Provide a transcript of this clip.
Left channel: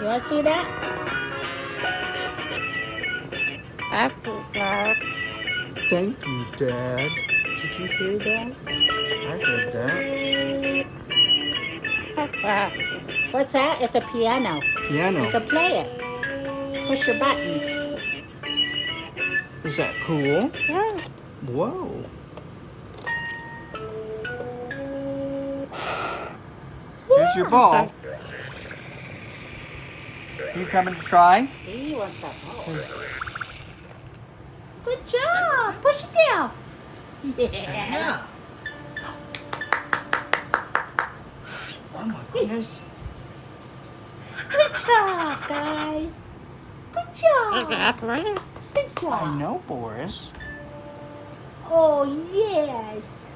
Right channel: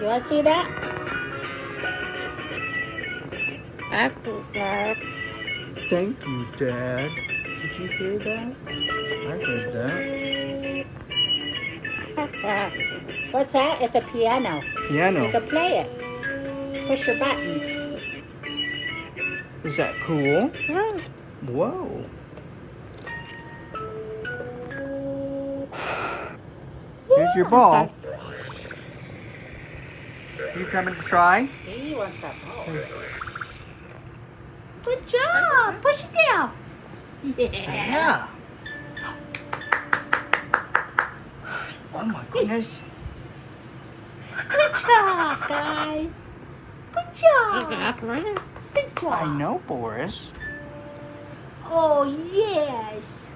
You want to see that? Thank you, Dad. Did you hear that? I heard that. What's that? It's a piano. You Piano. can play it. Push your buttons. Is that cool? Yeah. Whoa. Here's your ball. You coming to try? He wants that ball. Good job. Push it down. Yeah. Oh my goodness. Good job, guys. Good job. Good I job. know, Boris. Oh, yes.